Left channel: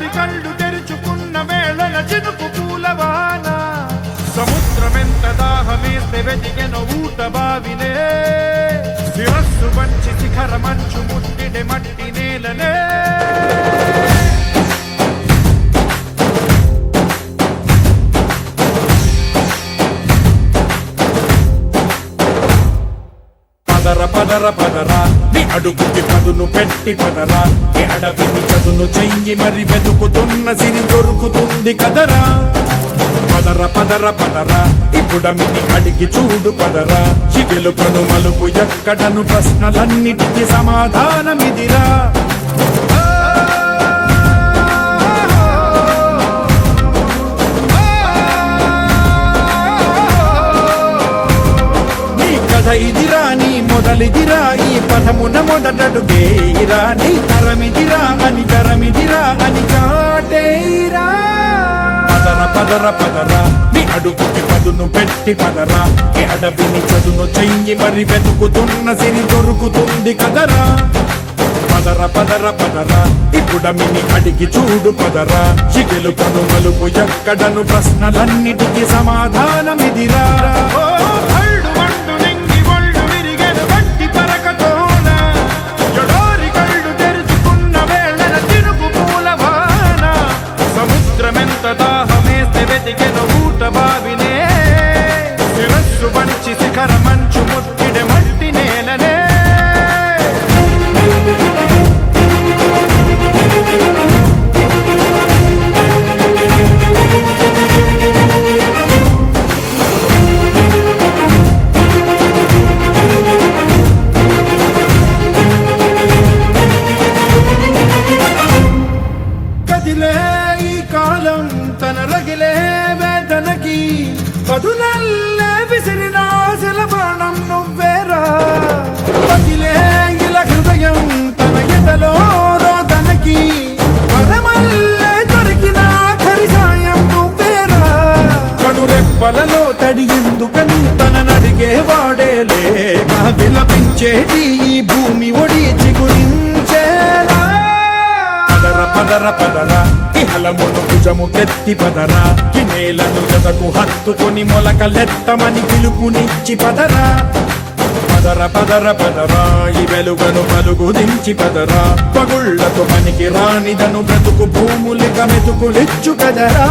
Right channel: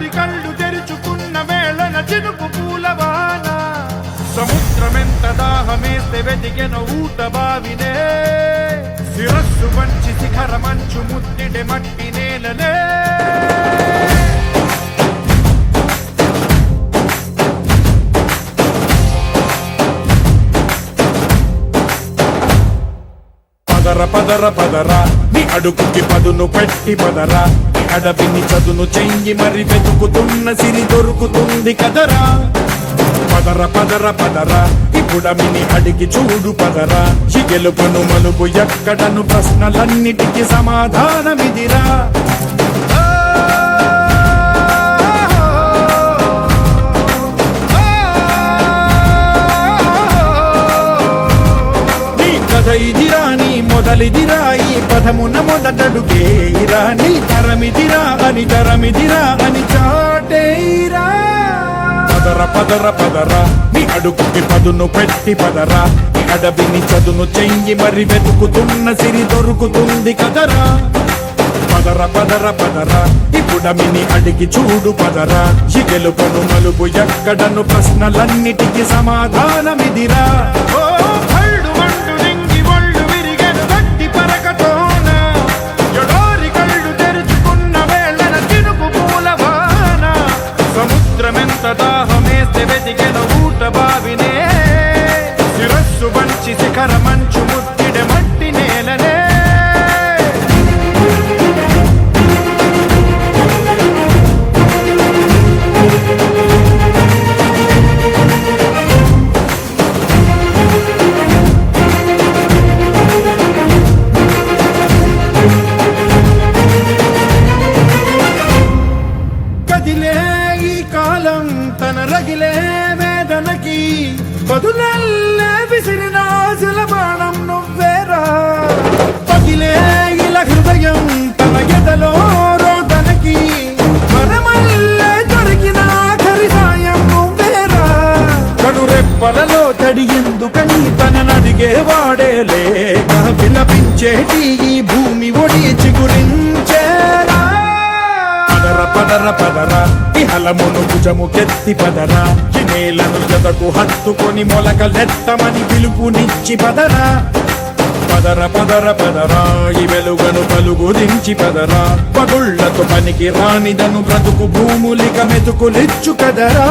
ఎడారి కళ్ళు తెరుచుకున్న వేళన చినుకు పూలవాన సముద్రమెంత దాహమేస్తే వెతికెన ఊట బావినే శిరస్సు వంచి శిఖర మంచు ముద్దిడే మట్టి నేలనే పదర పదర పదరా నీ అడుగుకి పదును పెట్టి పదరా నీ అడవిని చదును చెయ్యి మరి వెతుకుతున్న సిరి దొరుకుతుంది కదరా పదర పదర పదరా ఇప్పుడమిని అడిగి చూడు పదరా ఈ గెలుపను మలుపు ఎక్కడను ప్రశ్నలన్నిటికీ సమాధానమిదిరా ఇదిరా నీ మొదలిదిరా ఈ పదమున మొదటడుగేయిరా నీ తరమిదిరా అని చాటేయిరా పదర పదర పదరా నీ అడుగుకి పదును పెట్టి పదరా నీ అడవిని చదును చెయ్యి మరి వెతుకుతున్న సిరి దొరుకుతుంది కదరా పదర పదర పదరా ఇప్పుడమిని అడిగి చూడు పదరా ఈ గెలుపను మలుపు ఎక్కడను ప్రశ్నలన్నిటికీ సమాధానమిదిరా ఓ భళ్ళు మండు నింగి ఒళ్ళు విరిగెను గట్టి పరకతోన ఎడారి కళ్ళు తెరుచుకున్న వేళన చినుకు పూలవాన సముద్రమెంత దాహమేస్తే వెతికెన ఊట బావినే శిరస్సు వంచి శిఖర మంచు ముద్దిడే మట్టి నేలనే కదిలే ఈ కాలం తన రగిలే వేదనకి పదునల్లే విసిరిన ఆశల ప్రాణం నువ్వేరా పగిలే ఇలా హృదయం తన ఎదలో రోదనకి మరమల్లే దొరికిన ఆఖరి సాయం నువ్వేరా కడురెప్పలలో తడి ఎందుకని తననడిగే వాడేలే విలపించేటి ఈ భూమి ఒడి చిగురించేరా పదర పదర పదరా ఇహలమును భుజము కెత్తి పదరా ఈ నేలను జతకు హత్తుకొని మొలకలెత్తమని పిలుపునిచ్చి పదరా పదర పదర పదరా ఈ వెలుగను పలుగు దించి పదరా పగుళ్లతో పనికి రానిదను బ్రతుకు భూములిక మెతుకులిచ్చు కదరా